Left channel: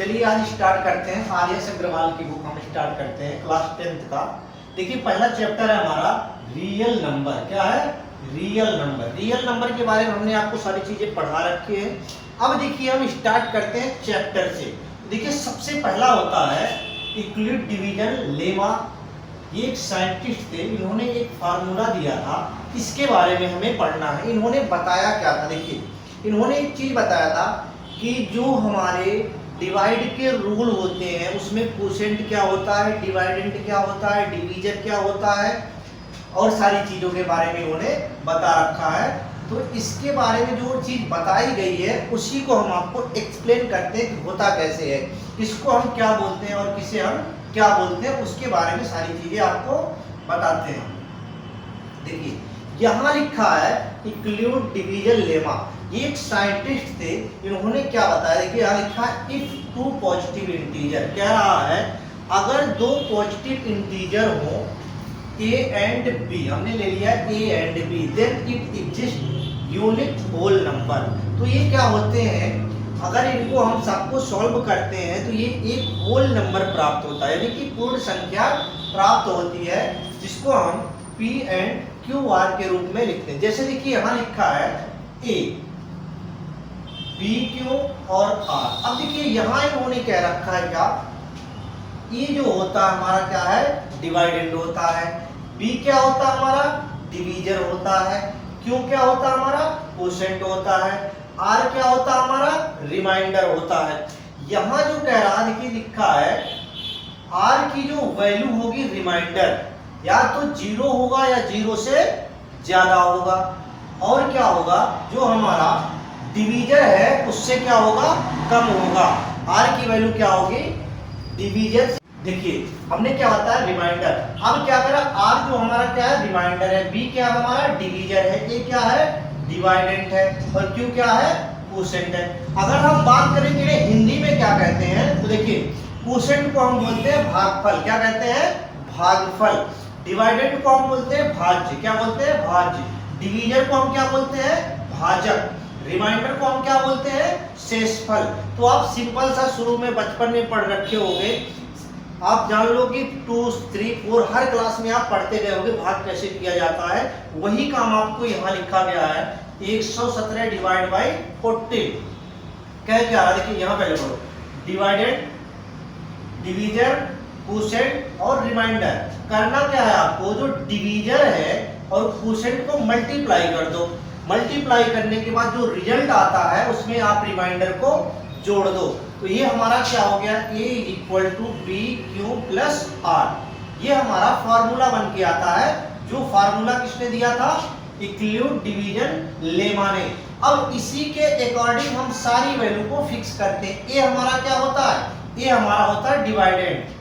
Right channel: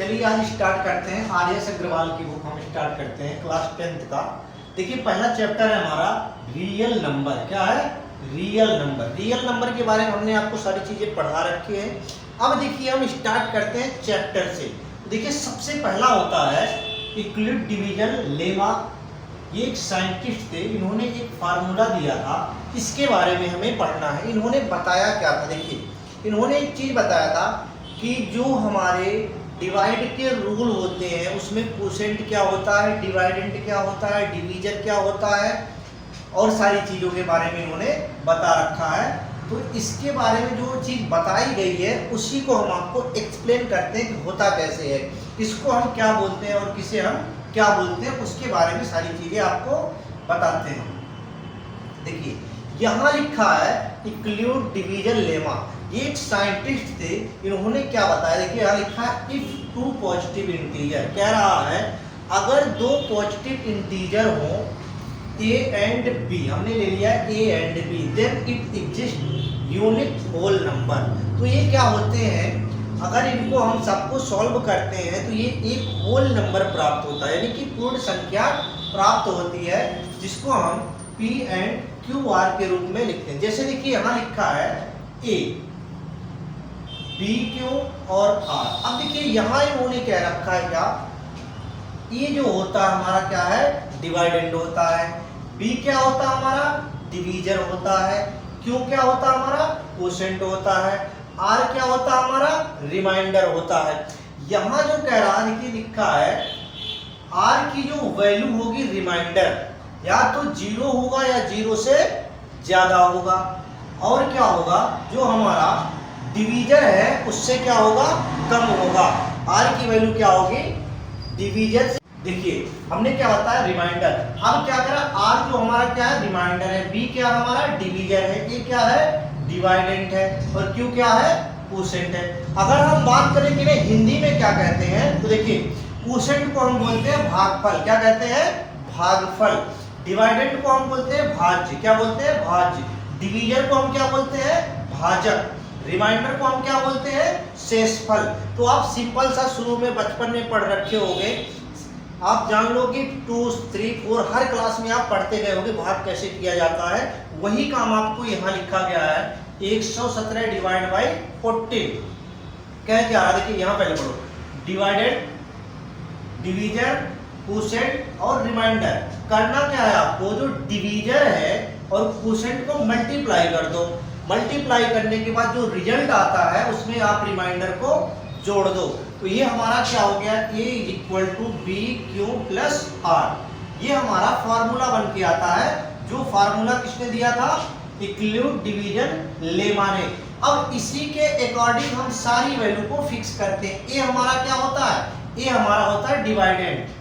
चलिए आज स्टार्ट करते हैं। आर्यस अग्रवाल की बुक हम स्टार्ट करते हैं क्लास 10th का। देखिए पहला चैप्टर है हमारा रियल नंबर। क्या है? Real number. रियल नंबर के बारे में हमने आपको सारी चीजें पढ़ा रखी है। अब देखिए हम स्टार्ट करते हैं चैप्टर से। देखिए सबसे पहला होता है यूक्लिड डिवीजन लेमा। ये एक साइंटिस्ट थे, इन्होंने एक फार्मूला दिया था, इसके बारे में हमें पढ़ना है। इन्होंने बताया क्या था? देखिए इन्होंने एक चीज बताया था कि जो हमारे डिवाइड के रूल होते हैं उसमें कोशेंट क्या होता है, डिवाइडेंट क्या होता है, डिवीजन क्या होता है, और सारी चीज़ों के बारे में इन्होंने बता रखा है। तो इसके बारे में जो चीज़ बताई गई है उसी को हम आपको एक्सप्लेन करते हैं कि होता कैसे है, इसको हम क्या बोलते हैं और किसे हम क्या बोलते हैं, उसके बारे में सारी चीज़ें आपको बताते हैं। देखिए यहाँ लिखा है यूक्लिड डिवीजन लेमा। ये एक साइंटिस्ट थे, इन्होंने क्या बताया? देखिए यहाँ लिखा है इफ टू पॉजिटिव इंटीजर। कह रहा है अगर दो पॉजिटिव इंटीजर हो ए एंड बी, हमने ले लिया A and B, then it exist unit whole number. तो ये क्या होते हैं? अगर इनको हम सबको सॉल्व करते हैं तो ये एक होल नंबर प्राप्त होता है, यानी कि पूर्ण संख्या प्राप्त होती है, जिसको हम पी एंड क्यू आर के रूप में लिखते हैं। जैसे देखिए यहाँ लिखा है ए, बी, क्यू और आर। अब देखिए यहाँ इन्होंने कह रखा है क्या? ये जो होता है हमारा क्या है? डिवाइडेंड होता है। बी क्या होता है हमारा? डिवीजर होता है। क्यू क्या होता है हमारा? कोशेंट होता है। आर क्या होता है हमारा? रिमाइंडर होता है। यहाँ जो कह रहा है देखिए लिखा है आर की जो वैल्यू होगी रिमाइंडर, या तो 0 होगा या 0 से ज्यादा होगा, और क्या होगा जो हमारा डिवीजर है उससे क्या होगा? कम होगा। आर की वैल्यू क्या होगी? डिवीजर से। देखिए हमने क्या होता है? रिमाइंडर। अब क्या करा? आर जो हमारा क्या है? रिमाइंडर है। बी क्या हमारा? डिवीजर है। ए क्या है? डिवाइडेंट है। और क्यू क्या है? कोशेंट है। अगर हम बात करें कि हिंदी में क्या कहते हैं, तो देखिए कोशेंट को हम बोलते हैं भागफल। क्या कहते हैं? भागफल। डिवाइडेंट को हम बोलते हैं भाज्य। क्या बोलते हैं? भाज्य। डिवीजर को हम क्या बोलते हैं? भाजक। रिमाइंडर को हम क्या बोलते हैं? शेषफल। तो आप सिंपल सा शुरू में बचपन में पढ़ रखे होंगे, आप जान लो कि 2, 3, 4 हर क्लास में आप पढ़ते गए होंगे भाग कैसे किया जाता है। वही काम आपको यहाँ लिखा गया है 117 डिवाइड बाई 14। क्या क्या है? देखिए यहाँ पहले पढ़ो, डिवाइडेड, डिवीजर, कोशेंट और रिमाइंडर। करना क्या है आपको? जो डिवीजर है और कोशेंट को मल्टीप्लाई कर दो। मल्टीप्लाई करने के बाद जो रिजल्ट आता है उसमें आप रिमाइंडर को जोड़ दो। तो ये हमारा क्या हो गया? A equal to B Q plus R. ये हमारा फॉर्मूला बन के आता है, जो फॉर्मूला किसने दिया था? यूक्लिड डिवीजन लेमा ने। अब इसी के अकॉर्डिंग हम सारी वैल्यू को फिक्स करते हैं। ए हमारा क्या होता है? ए हमारा होता है डिवाइडेंट।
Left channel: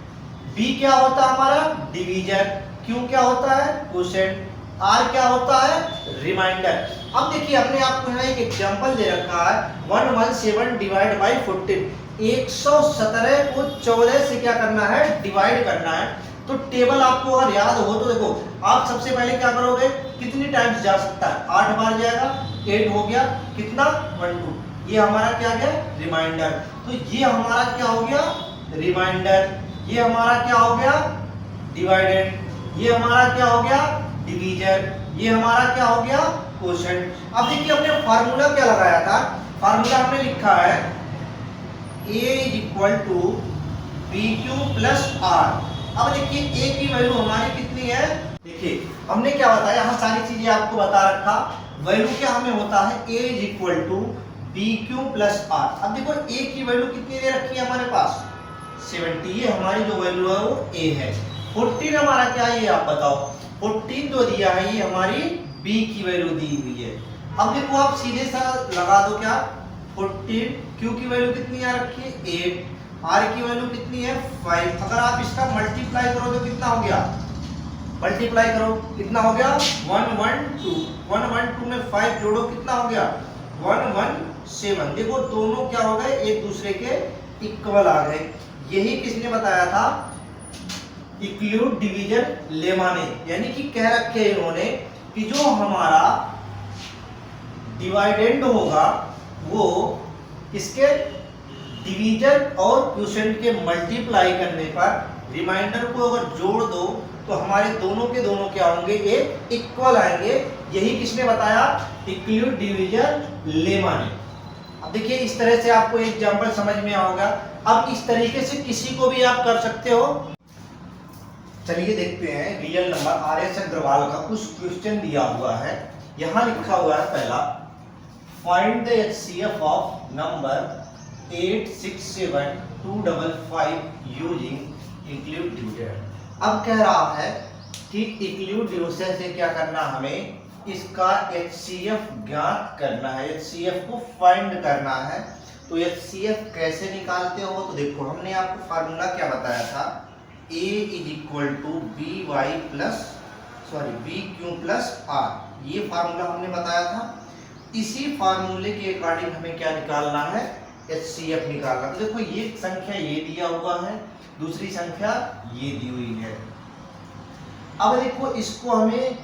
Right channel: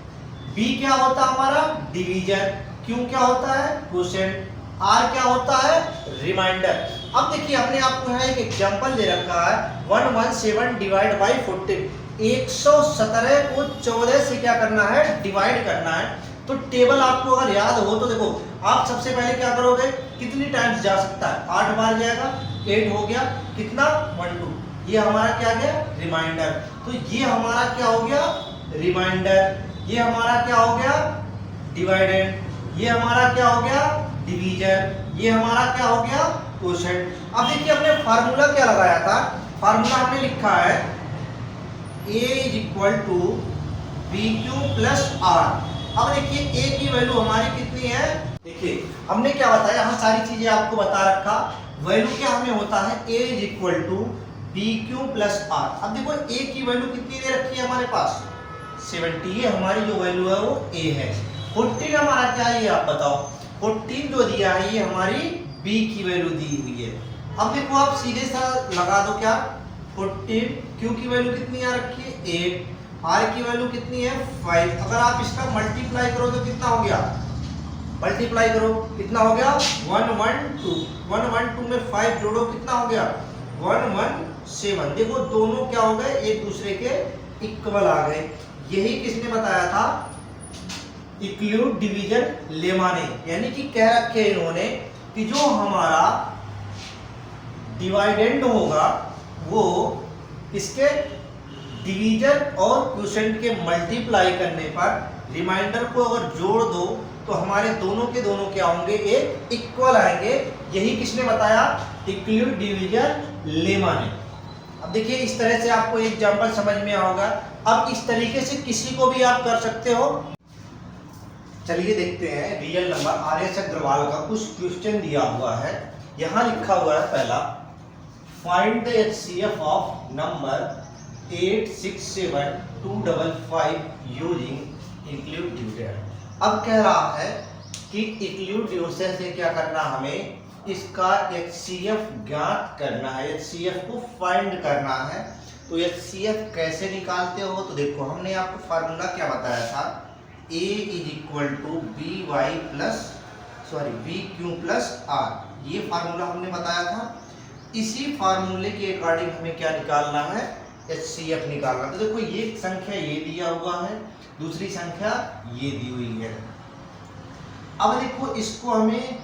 बी क्या होता है हमारा? डिवीजर। क्यू क्या होता है? कोशेंट। आर क्या होता है? रिमाइंडर। अब देखिए अपने आपको यहाँ एक एग्जांपल दे रखा है 117 डिवाइड बाई 14। 117 को 14 से क्या करना है? डिवाइड करना है। तो टेबल आपको अगर याद हो तो देखो, आप सबसे पहले क्या करोगे? कितनी टाइम्स जा सकता है? 8 बार जाएगा, 8 हो गया, कितना? 1 2। ये हमारा क्या गया? रिमाइंडर। तो ये हमारा क्या हो गया? रिमाइंडर। ये हमारा क्या हो गया? डिवाइडेंड। ये हमारा क्या हो गया? डिवीजर। ये हमारा क्या हो गया? कोशेंट। अब देखिए हमने फार्मूला क्या लगाया था? फार्मूला हमने लिखा है A is equal to B Q plus R. अब देखिए A की वैल्यू हमारी कितनी है? देखिए हमने क्या बताया, यहाँ सारी चीजें आपको बता रखा। वैल्यू क्या हमें होता है? A is equal to B Q plus R. अब देखो A की वैल्यू कितनी दे रखी है हमारे पास? 70। ये हमारी जो वैल्यू है वो A है। 14 हमारा क्या है ये आप बताओ? 14 जो दिया है ये हमारी B की वैल्यू दी हुई है। अब देखो आप सीधे सा लगा दो क्या? 14। Q की वैल्यू कितनी आ रखी है? 8। R की वैल्यू कितनी है? 5। अगर आप इसका मल्टीप्लाई करो तो कितना हो गया? मल्टीप्लाई करो कितना हो गया? 112। 112 में 5 जोड़ो कितना हो गया? 117। देखो दोनों क्या हो गए? एक दूसरे के इक्वल आ गए। यही किसने बताया था? यूक्लिड डिवीजन लेमा ने। यानी कि कह रखे इन्होंने कि जो हमारा डिवाइडेंड होगा वो इसके डिवीजन और क्वोशिएंट के मल्टीप्लाई करने पर रिमाइंडर को अगर जोड़ दो तो हमारे दोनों के दोनों क्या होंगे, एक इक्वल आएंगे। यही किसने बताया, इक्वल डिवीजन लेमा ने। अब देखिए इस तरह से आपको एग्जांपल समझ में होगा। अब इस तरीके से किसी को भी आप कर सकते हो। चलिए देखते हैं रियल नंबर। आर.एस. अग्रवाल का कुछ क्वेश्चन दिया हुआ है। यहां लिखा हुआ है पहला, find the HCF of number 867255 using include division. अब कह रहा है कि इंक्लूड डिविजन से क्या करना, हमें इसका एचसीएफ ज्ञात करना है, एचसीएफ को फाइंड करना है। तो एचसीएफ कैसे निकालते हो, तो देखो हमने आपको फार्मूला क्या बताया था, A is equal to B Y plus B Q plus R. ये फार्मूला हमने बताया था। इसी फार्मूले के अकॉर्डिंग हमें क्या निकालना है, एचसीएफ निकालना। तो देखो ये संख्या ये दिया हुआ है, दूसरी संख्या ये दी हुई है। अब देखो इसको हमें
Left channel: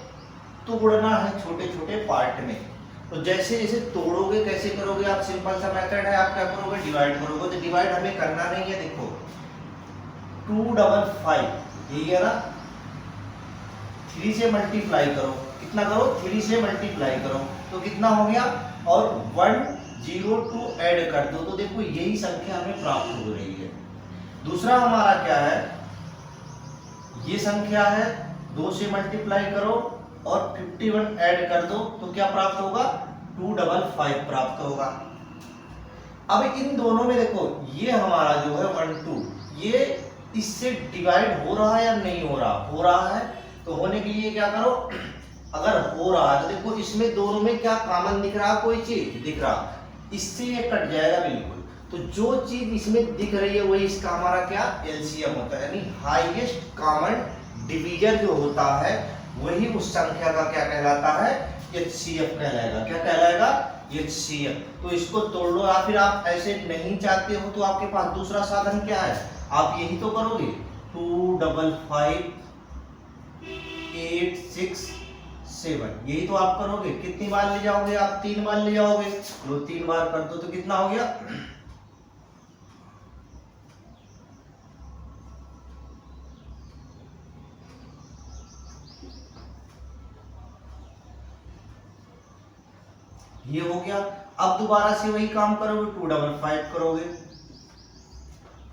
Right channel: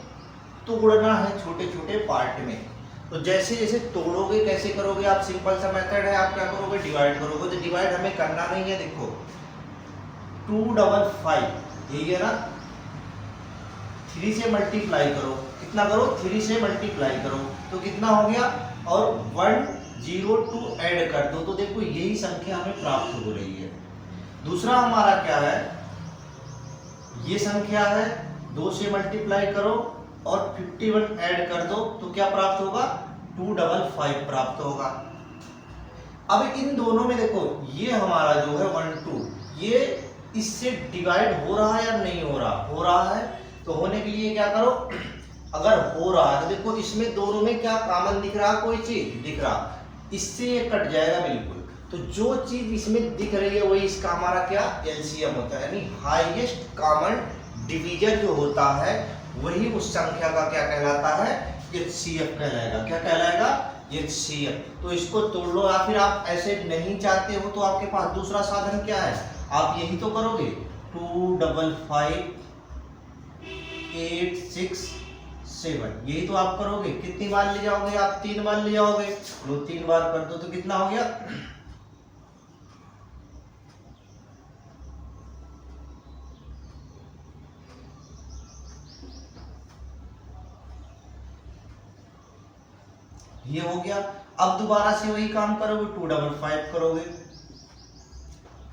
तोड़ना है छोटे छोटे पार्ट में। तो जैसे जैसे तोड़ोगे कैसे करोगे आप, सिंपल सा मेथड है, आप क्या करोगे, डिवाइड करोगे। तो डिवाइड हमें करना नहीं है, देखो 255 ठीक है ना, 3 से मल्टीप्लाई करो, कितना करो, 3 से मल्टीप्लाई करो तो कितना हो गया, और 102 ऐड कर दो तो देखो यही संख्या हमें प्राप्त हो रही है। दूसरा हमारा क्या है, ये संख्या है, 2 से मल्टीप्लाई करो और 51 ऐड कर दो तो क्या प्राप्त होगा, 255 प्राप्त होगा। अब इन दोनों में देखो ये हमारा जो है 12, ये इससे डिवाइड हो रहा है या नहीं हो रहा, हो रहा है। तो होने के लिए क्या करो, अगर हो रहा है तो देखो इसमें दोनों में क्या कॉमन दिख रहा, कोई चीज दिख रहा, इससे ये कट जाएगा बिल्कुल। तो जो चीज इसमें दिख रही है वही इसका हमारा क्या, एलसीएम होता है, यानी हाईएस्ट कॉमन डिवीजन जो होता है वही उस संख्या का क्या कहलाता है, एचसीएफ कहलाएगा। क्या कहलाएगा, एचसीएफ। तो इसको तोड़ लो, या फिर आप ऐसे नहीं चाहते हो तो आपके पास दूसरा साधन क्या है, आप यही तो करोगे, 255 867 यही तो आप करोगे। कितनी बार ले जाओगे आप, 3 बार ले जाओगे, वो 3 बार कर दो तो कितना हो गया, ये हो गया। अब दोबारा से वही काम करोगे, 255 करोगे,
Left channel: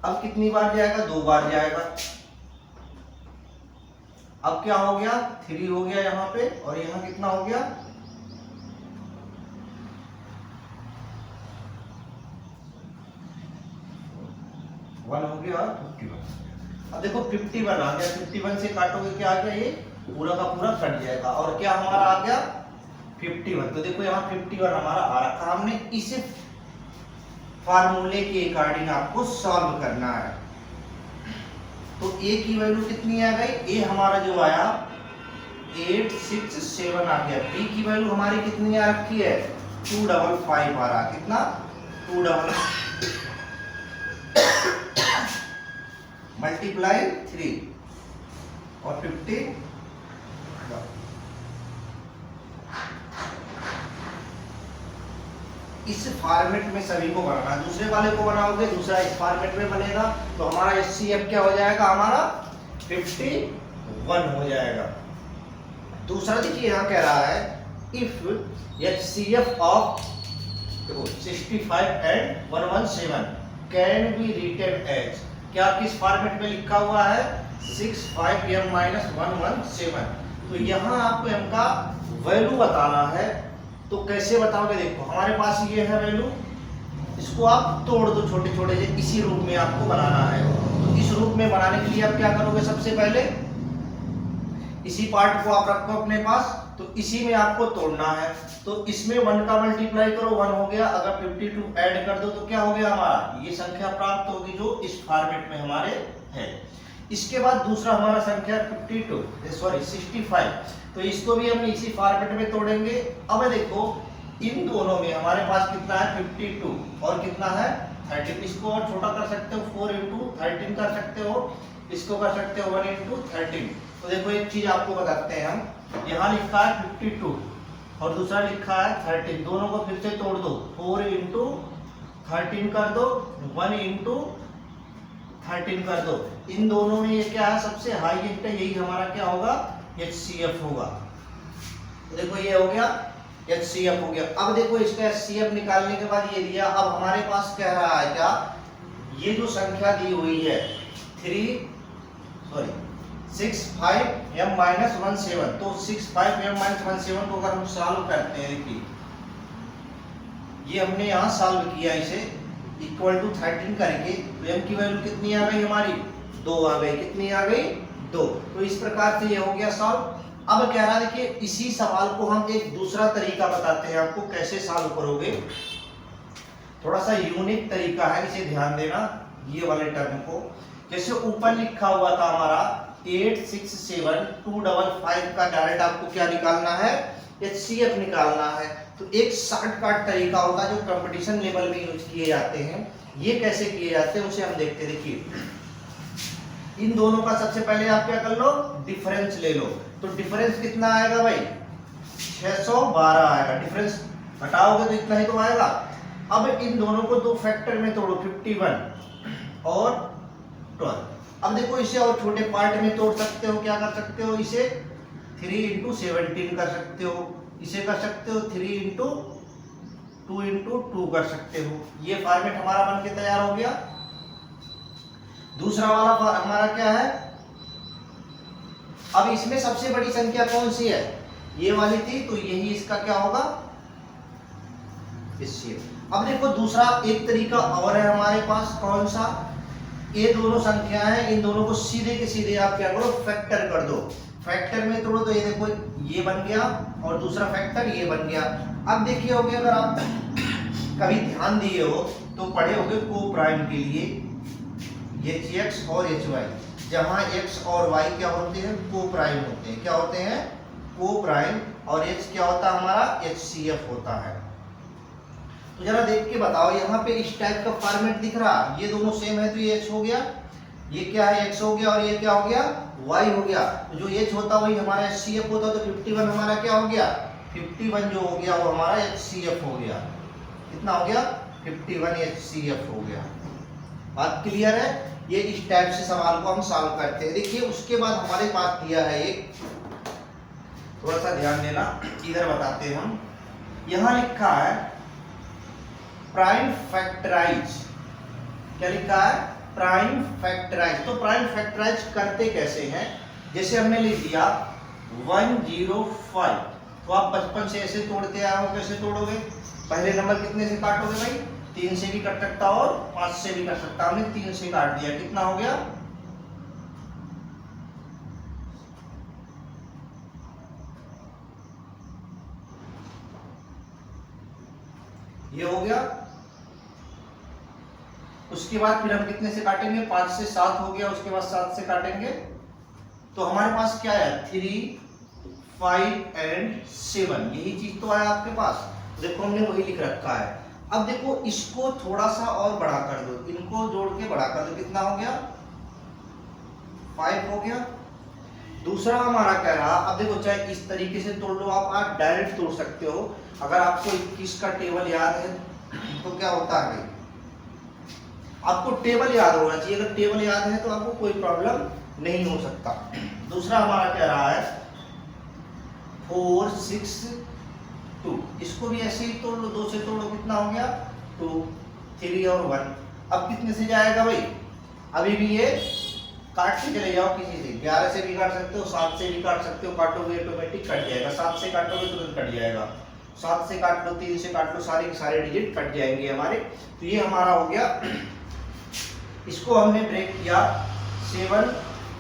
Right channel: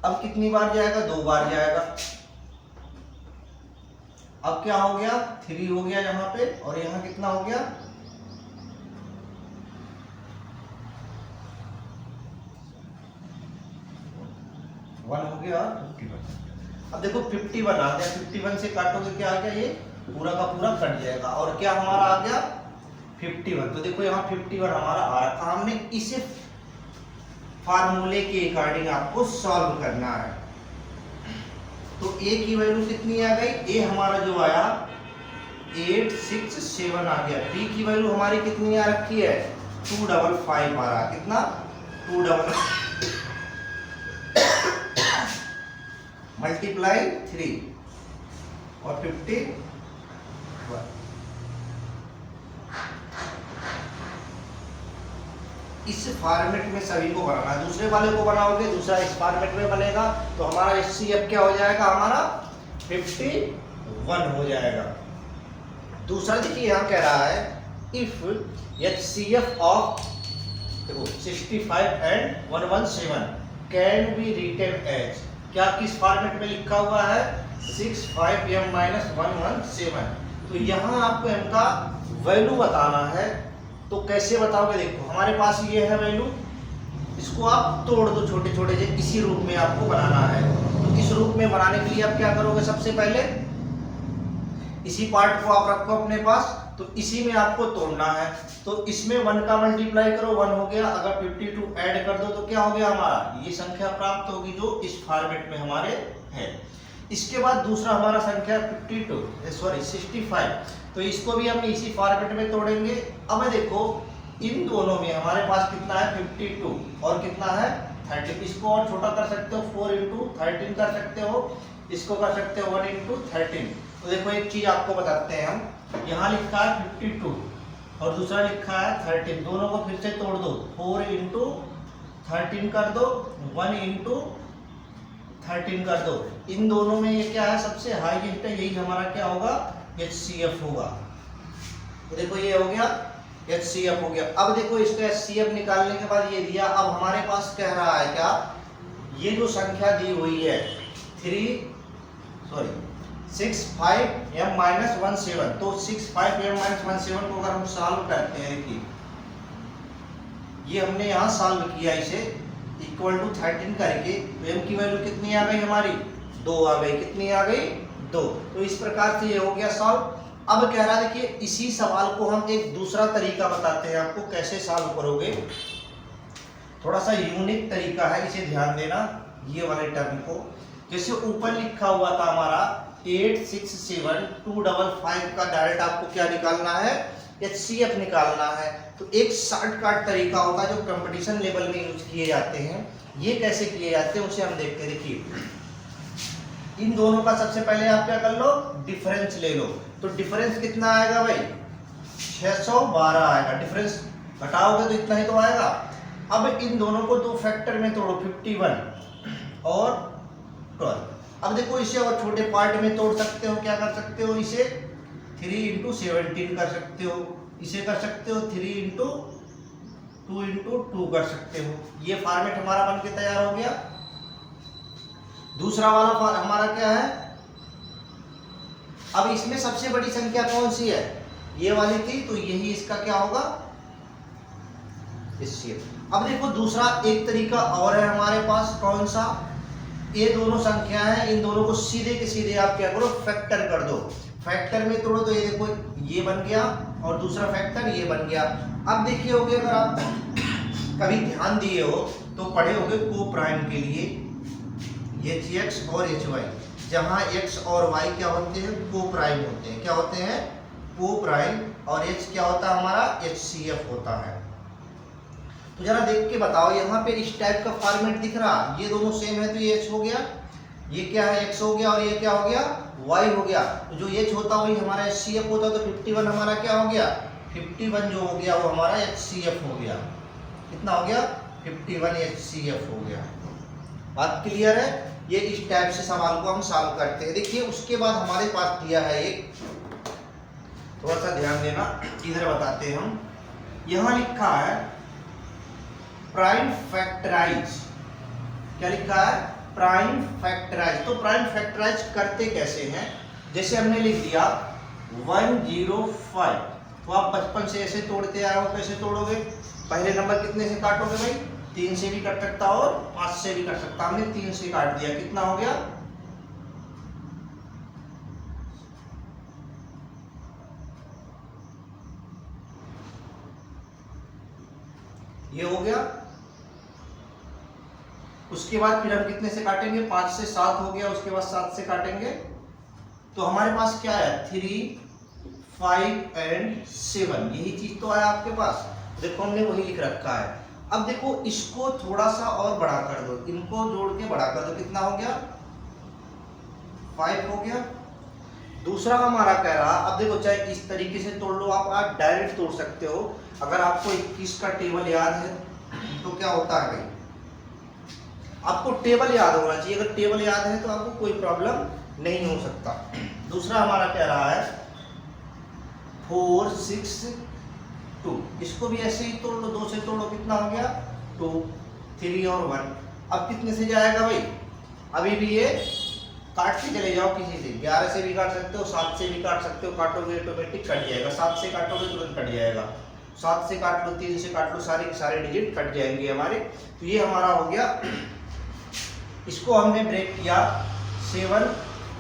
अब कितनी बार जाएगा, 2 बार जाएगा। अब क्या हो गया, 3 हो गया यहाँ पे, और यहाँ कितना हो गया, 1 हो गया, 51। अब देखो 51 आ गया, 51 से काटोगे क्या आ गया, ये पूरा का पूरा कट जाएगा, और क्या हमारा आ गया 51। तो देखो यहाँ 51 हमारा आ रखा। हमने इसे फार्मूले के अकॉर्डिंग आपको सॉल्व करना है। तो ए की वैल्यू कितनी आ गई, ए हमारा जो आया 867 आ गया। बी की वैल्यू हमारी कितनी आ रखी है, 255 आ रहा, कितना 255 मल्टीप्लाई 3 और 51। इस फॉर्मेट में सभी को बनाना है, दूसरे वाले को बनाओगे दूसरा इस फॉर्मेट में बनेगा, तो हमारा एचसीएफ क्या हो जाएगा, हमारा 51 हो जाएगा। दूसरा देखिए यहाँ कह रहा है इफ एचसीएफ ऑफ देखो 65 and 117 can be written as, क्या किस फॉर्मेट में लिखा हुआ है, 65m-117। तो यहाँ आपको m का वैल्यू बताना है। तो कैसे बताओगे, देखो हमारे पास ये है वैल्यू, इसको आप तोड़ दो छोटे छोटे से, इसी रूप में आपको बनाना है। तो इस रूप में बनाने के लिए आप क्या करोगे, सबसे पहले इसी पार्ट को आप रखो अपने पास, तो इसी में आपको तोड़ना है। तो इसमें 1 का मल्टीप्लाई करो, 1 हो गया, अगर 52 ऐड कर दो तो क्या हो गया, हमारा ये संख्या प्राप्त होगी जो इस फॉर्मेट में हमारे है। इसके बाद दूसरा हमारा संख्या 65, तो इसको भी हम इसी फॉर्मेट में तोड़ेंगे। अब देखो इन दोनों में हमारे पास कितना है, 52 और कितना है 30। इसको और छोटा कर सकते हो, 4 × 13 कर सकते हो, इसको कर सकते हो 1 × 13। तो देखो एक चीज आपको बताते हैं हम, यहाँ लिखा है 52 और दूसरा लिखा है 13, दोनों को फिर से तोड़ दो, 4 × 13 कर दो, 1 इंटू 13 कर दो। इन दोनों में ये क्या है, सबसे हाईएस्ट है, यही हमारा क्या होगा, HCF होगा। तो देखो ये हो गया HCF हो गया। अब देखो इसका HCF निकालने के बाद ये दिया, अब हमारे पास कह रहा है क्या, ये जो संख्या दी हुई है 65m-17, तो 65m-17 को अगर हम सॉल्व करते हैं कि ये हमने यहाँ सॉल्व किया इसे इक्वल टू 13 करके, तो m की वैल्यू कितनी आ गई हमारी, 2 आ गई। कितनी आ गई, 2। तो इस प्रकार से ये हो गया सॉल्व। अब कह रहा है देखिए इसी सवाल को हम एक दूसरा तरीका बताते हैं आपको, कैसे सॉल्व करोगे। थोड़ा सा यूनिक तरीका है, इसे ध्यान देना ये वाले टर्म को। जैसे ऊपर लिखा हुआ था हमारा 867255 का डायरेक्ट आपको क्या निकालना है, HCF निकालना है। तो एक शॉर्टकट तरीका होता है जो कंपटीशन लेवल में यूज किए जाते हैं। ये कैसे किए जाते हैं उसे हम देखते हैं। देखिए इन दोनों का सबसे पहले आप क्या कर लो, डिफरेंस ले लो। तो डिफरेंस कितना आएगा भाई, 612 आएगा। डिफरेंस घटाओगे तो इतना ही तो आएगा। अब इन दोनों को दो फैक्टर में तोड़ो, 51 और 12। अब देखो इसे और छोटे पार्ट में तोड़ सकते हो, क्या कर सकते हो, इसे 3 इंटू 17 कर सकते हो, इसे कर सकते हो 3 इंटू 2 इंटू 2 कर सकते हो। ये फॉर्मेट हमारा बन के तैयार हो गया। दूसरा वाला हमारा क्या है, अब इसमें सबसे बड़ी संख्या कौन सी है, ये वाली थी, तो यही इसका क्या होगा, HCF। अब देखो दूसरा एक तरीका और है हमारे पास, कौन सा, ये दोनों संख्या है, इन दोनों को सीधे के सीधे आप क्या करो, फैक्टर कर दो। फैक्टर में तोड़ो तो ये देखो ये बन गया और दूसरा फैक्टर ये बन गया। अब देखिए होगे, अगर आप कभी ध्यान दिए हो तो पढ़े होगे को प्राइम के लिए HX और HY, जहां X और Y क्या होते हैं, को प्राइम होते हैं। क्या होते हैं, को प्राइम। और H क्या होता है हमारा, HCF होता है। तो जरा देख के बताओ, यहाँ पे इस टाइप का फॉर्मेट दिख रहा, ये दोनों सेम है तो ये H हो गया, ये क्या है X हो गया, और ये क्या हो गया, Y हो गया। तो जो H होता वही हमारा HCF होता, तो 51 हमारा क्या हो गया, 51 जो हो गया वो हमारा HCF हो गया। कितना हो गया, 51 HCF हो गया। बात क्लियर है। ये इस टाइप से सवाल को हम सॉल्व करते हैं। देखिए उसके बाद हमारे पास दिया है एक, थोड़ा सा ध्यान देना, इधर बताते हैं हम। यहां लिखा है प्राइम फैक्टराइज। क्या लिखा है, प्राइम फैक्टराइज। तो प्राइम फैक्टराइज करते कैसे हैं, जैसे हमने लिख दिया 105, तो आप बचपन से ऐसे तोड़ते आए हो, कैसे तोड़ोगे, पहले नंबर कितने से काटोगे भाई, 3 से भी कट सकता और 5 से भी कट सकता। हमने 3 से काट दिया, कितना हो गया, ये हो गया। उसके बाद फिर हम कितने से काटेंगे, 5 से 7 हो गया, उसके बाद 7 से काटेंगे। तो हमारे पास क्या है, 3, 5 एंड 7, यही चीज तो है आपके पास। देखो हमने वही लिख रखा है। अब देखो इसको थोड़ा सा और बड़ा कर दो, इनको जोड़ के बड़ा कर दो, कितना हो गया, 5 हो गया। दूसरा हमारा कह रहा, अब देखो चाहे इस तरीके से तोड़ लो आप डायरेक्ट तोड़ सकते हो। अगर आपको 21 का टेबल याद है तो क्या होता है भाई, आपको टेबल याद होना चाहिए। अगर टेबल याद है तो आपको कोई प्रॉब्लम नहीं हो सकता। दूसरा हमारा कह रहा है 4, 6, 2, इसको भी ऐसे ही तोड़ लो, 2 से तोड़ो, कितना हो गया, 2, 3 और 1। अब कितने से जाएगा भाई, अभी भी ये काट के चले जाओ किसी से, 11 से भी काट सकते हो, 7 से भी काट सकते हो, काटोगे ऑटोमेटिक कट जाएगा। 7 से काटोगे तुरंत कट जाएगा, 7 से काट लो, 3 से काट लो, सारे के सारे डिजिट कट जाएंगे हमारे। तो ये हमारा हो गया, इसको हमने ब्रेक किया 7।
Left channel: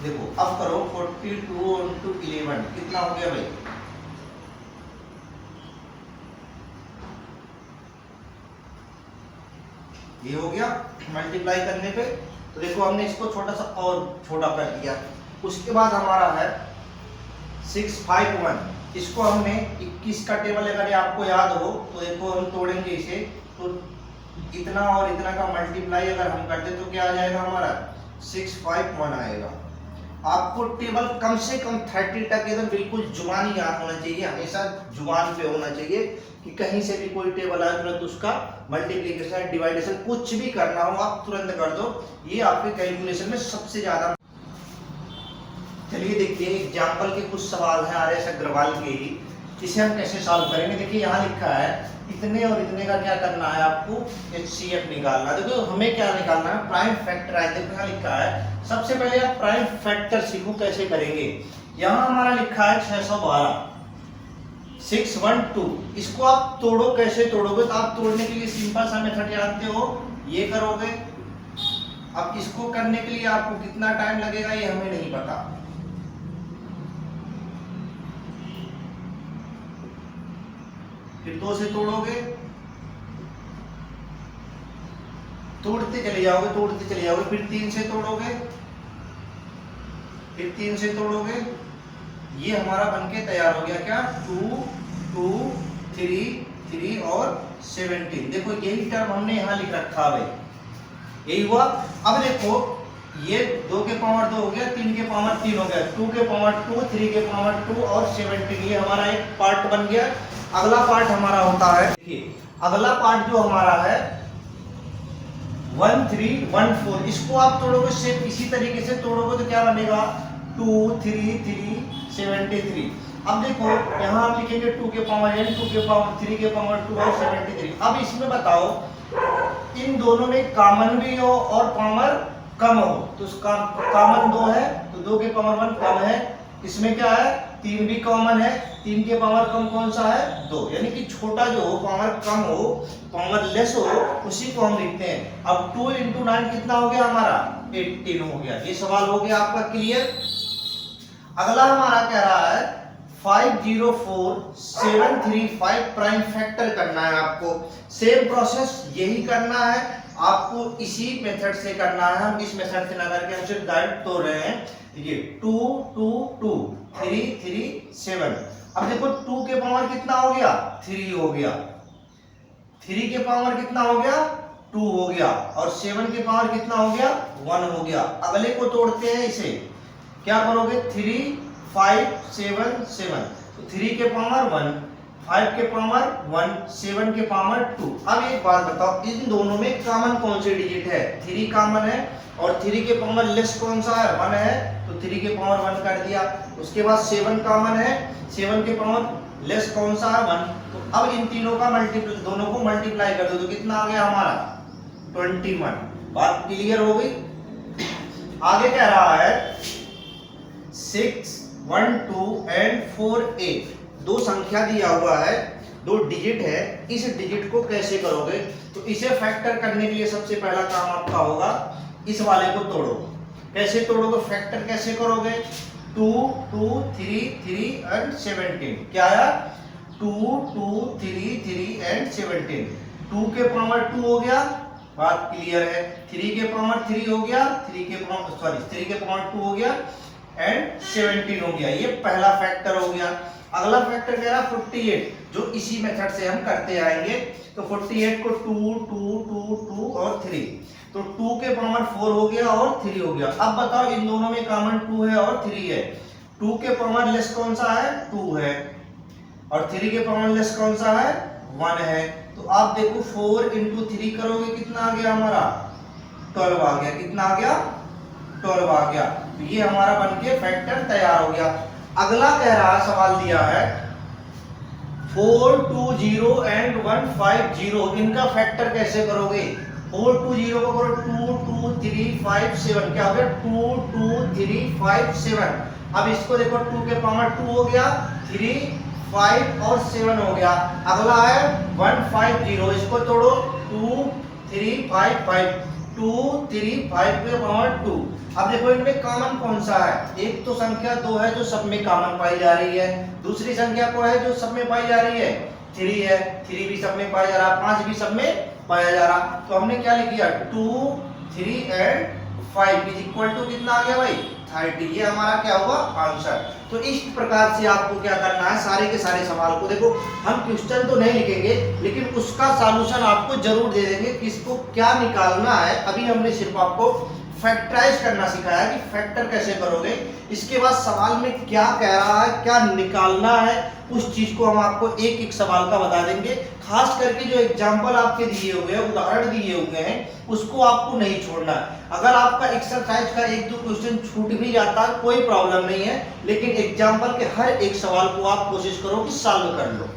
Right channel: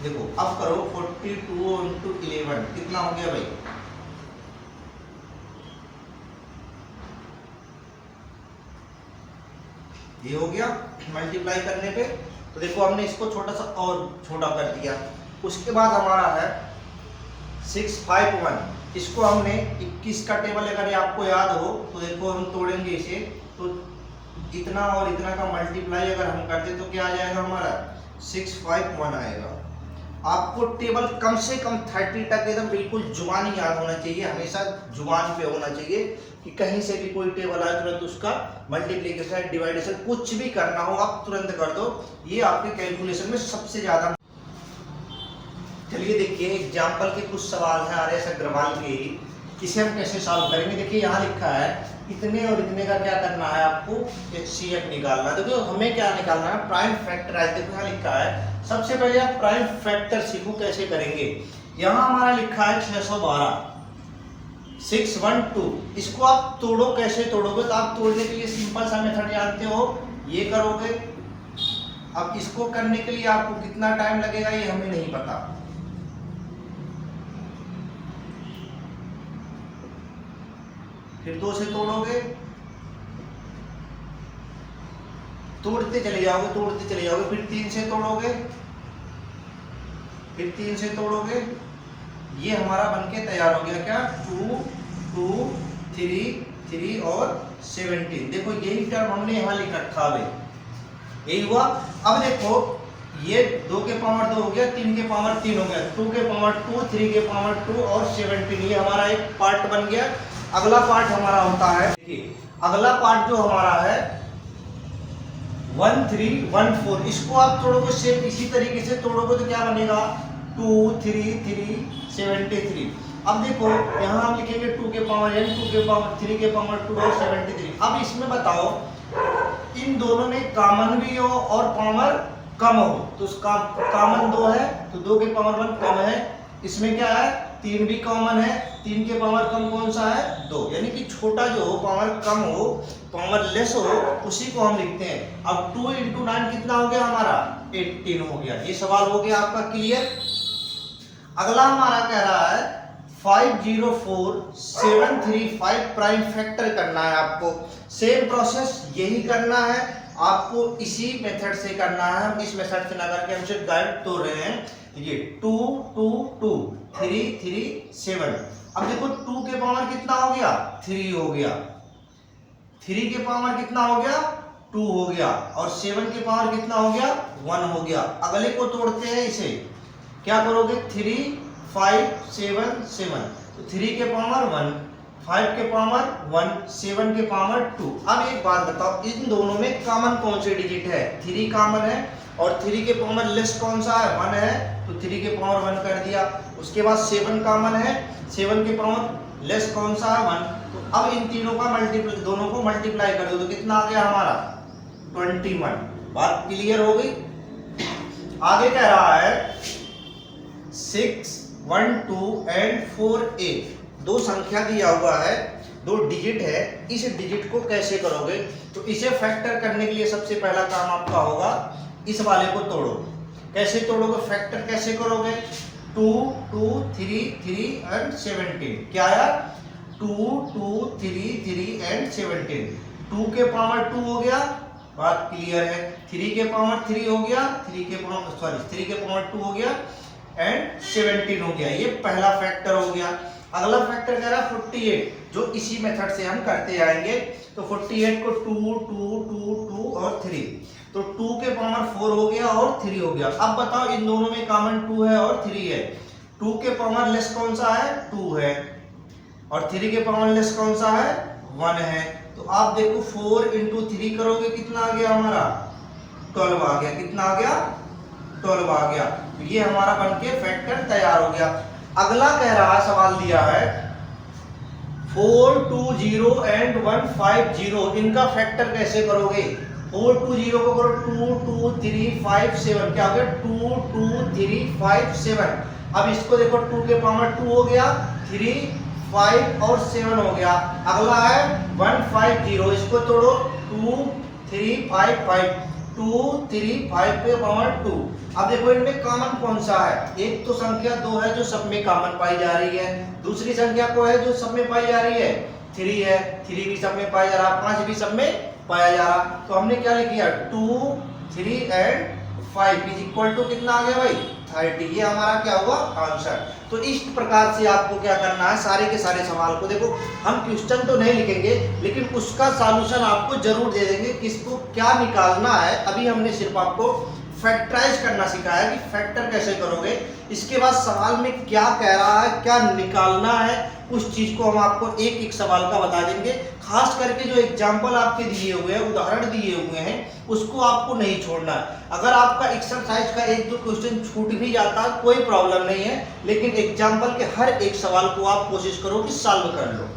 देखो अब करो 42 इंटू 11, कितना हो गया भाई, ये हो गया मल्टीप्लाई करने पे। तो देखो हमने इसको छोटा सा और छोटा कर दिया। उसके बाद हमारा है 651, इसको हमने 21 का टेबल अगर आपको याद हो तो देखो हम तोड़ेंगे इसे, तो इतना और इतना का मल्टीप्लाई अगर हम करते तो क्या आ जाएगा हमारा, 651 आएगा। आपको टेबल कम से कम 30 तक एकदम बिल्कुल जुबानी याद होना चाहिए, हमेशा जुबान पे होना चाहिए कि कहीं से भी कोई टेबल आए तुरंत उसका मल्टीप्लिकेशन डिवाइडेशन कुछ भी करना हो आप तुरंत कर दो, ये आपके कैलकुलेशन में सबसे ज्यादा। चलिए देखिए एग्जाम्पल के कुछ सवाल हैं आर.एस. अग्रवाल के, इसे हम कैसे सॉल्व करेंगे। देखिए यहाँ लिखा है इतने और इतने का क्या करना है आपको HCF निकालना है। देखो हमें क्या निकालना है, प्राइम फैक्टर है। देखो यहाँ लिखा है सबसे पहले आप प्राइम फैक्टर सीखो कैसे करेंगे। यहाँ हमारा लिखा है 612 612, इसको आप तोड़ो, कैसे तोड़ोगे तो आप तोड़ने के लिए सिंपल सा मेथड जानते हो, ये करोगे। अब इसको करने के लिए आपको कितना टाइम लगेगा ये हमें नहीं पता, फिर 2 से तोड़ोगे, तोड़ते चले जाओगे तोड़ते चले जाओगे, फिर 3 से तोड़ोगे, फिर 3 से तोड़ोगे, ये हमारा बनके तैयार हो गया क्या 2 2 3 3 और 17। देखो यही टर्म हमने यहाँ लिख रखा है, यही हुआ। अब देखो ये 2 के पावर 2 हो गया, 3 के पावर 3 हो गया, 2 के पावर 2, 3 के पावर 2 और 17, ये हमारा एक पार्ट बन गया। अगला पार्ट हमारा होता है, देखिए अगला पार्ट जो हमारा है 1314, इसको आप तोड़ोगे सेम इसी तरीके से तोड़ोगे तो क्या बनेगा 2 3 3 73। अब देखो यहाँ हम लिखेंगे 2 के पावर n, 2 के पावर 3 के पावर 2 और 73। अब इसमें बताओ इन दोनों में कॉमन भी हो और पावर कम हो, तो उसका कॉमन 2 है तो 2 के पावर 1 कम है, इसमें क्या है 3 भी कॉमन है, 3 के पावर कम कौन सा है 2, यानी कि छोटा जो हो पावर कम हो पावर लेस हो उसी को हम लिखते हैं। अब 2 × 9 कितना हो गया हमारा 18 हो गया। ये सवाल हो गया आपका क्लियर। अगला हमारा कह रहा है 504735 प्राइम फैक्टर करना है आपको। सेम प्रोसेस यही करना है आपको, इसी मेथड से करना है, हम इस मेथड से ना करके हम सिर्फ डायरेक्ट तोड़ रहे हैं। ये 2 2 2 3 3 7। अब देखो 2 के पावर कितना हो गया 3 हो गया, 3 के पावर कितना हो गया 2 हो गया और 7 के पावर कितना हो गया 1 हो गया। अगले को तोड़ते हैं, इसे क्या करोगे 3 5 7 7, तो 3 के पावर 1, 5 के पावर 1, 7 के पावर 2। अब एक बात बताओ इन दोनों में कॉमन कौन से डिजिट है, 3 कॉमन है और 3 के पावर लेस कौन सा है 1 है, तो 3 के पावर 1 कर दिया। उसके बाद 7 कॉमन है, 7 के पावर लेस कौन सा है 1, तो अब इन तीनों का मल्टीप्लाई, दोनों को मल्टीप्लाई कर दो तो कितना आ गया हमारा 21। बात क्लियर हो गई। आगे कह रहा है 6 1 2 एंड 4 8, दो संख्या दिया हुआ है, 2 डिजिट है, इस डिजिट को कैसे करोगे। तो इसे फैक्टर करने के लिए सबसे पहला काम आपका होगा इस वाले को तोड़ो। कैसे तोड़ोगे, फैक्टर कैसे करोगे 2 2 3 3 एंड 17, क्या आया 2 2 3 3 एंड 17। 2 के पावर 2 हो गया, बात क्लियर है। 3 के पावर 3 हो गया, 3 के पावर 2 हो गया एंड 17 हो गया। ये पहला फैक्टर हो गया। अगला फैक्टर कह रहा 48, जो इसी मेथड से हम करते आएंगे। तो 48 को 2 2 2 2 और 3, तो 2 के पावर 4 हो गया और 3 हो गया। अब बताओ इन दोनों में कॉमन 2 है और 3 है, 2 के पावर लेस कौन सा है 2 है और 3 के पावर लेस कौन सा है 1 है। तो आप देखो 4 × 3 करोगे कितना आ गया हमारा 12 आ गया, कितना आ गया 12 आ गया। तो ये हमारा बनके फैक्टर तैयार हो गया। अगला कह रहा है, सवाल दिया है 420 एंड 150, इनका फैक्टर कैसे करोगे। 420 को करो 2 2 3 5 7, क्या हो गया 2 2 3 5 7। अब इसको देखो 2 के पावर 2 हो गया, 3 5 और 7 हो गया। अगला है 150, इसको तोड़ो 2 3 5 5, 2 3 5 के पावर 2। अब देखो इनमें कॉमन कौन सा है, एक तो संख्या 2 है जो सब में कॉमन पाई जा रही है, दूसरी संख्या को है जो सब में पाई जा रही है 3 है, 3 भी सब में पाया जा रहा, 5 भी सब में पाया जा रहा। तो हमने क्या लिख दिया 2 3 एंड 5 इज इक्वल टू कितना आ गया भाई 30। ये हमारा क्या हुआ आंसर। तो इस प्रकार से आपको क्या करना है, सारे के सारे सवाल को देखो, हम क्वेश्चन तो नहीं लिखेंगे लेकिन उसका सॉल्यूशन आपको जरूर दे देंगे कि इसको क्या निकालना है। अभी हमने सिर्फ आपको फैक्टराइज करना सिखाया कि फैक्टर कैसे करोगे। इसके बाद सवाल में क्या कह रहा है, क्या निकालना है, उस चीज को हम आपको एक एक सवाल का बता देंगे। खास करके जो एग्जाम्पल आपके दिए हुए हैं, उदाहरण दिए हुए हैं, उसको आपको नहीं छोड़ना है। अगर आपका एक्सरसाइज का एक दो क्वेश्चन छूट भी जाता है कोई प्रॉब्लम नहीं है, लेकिन एग्जाम्पल के हर एक सवाल को आप कोशिश करो कि सॉल्व कर लो।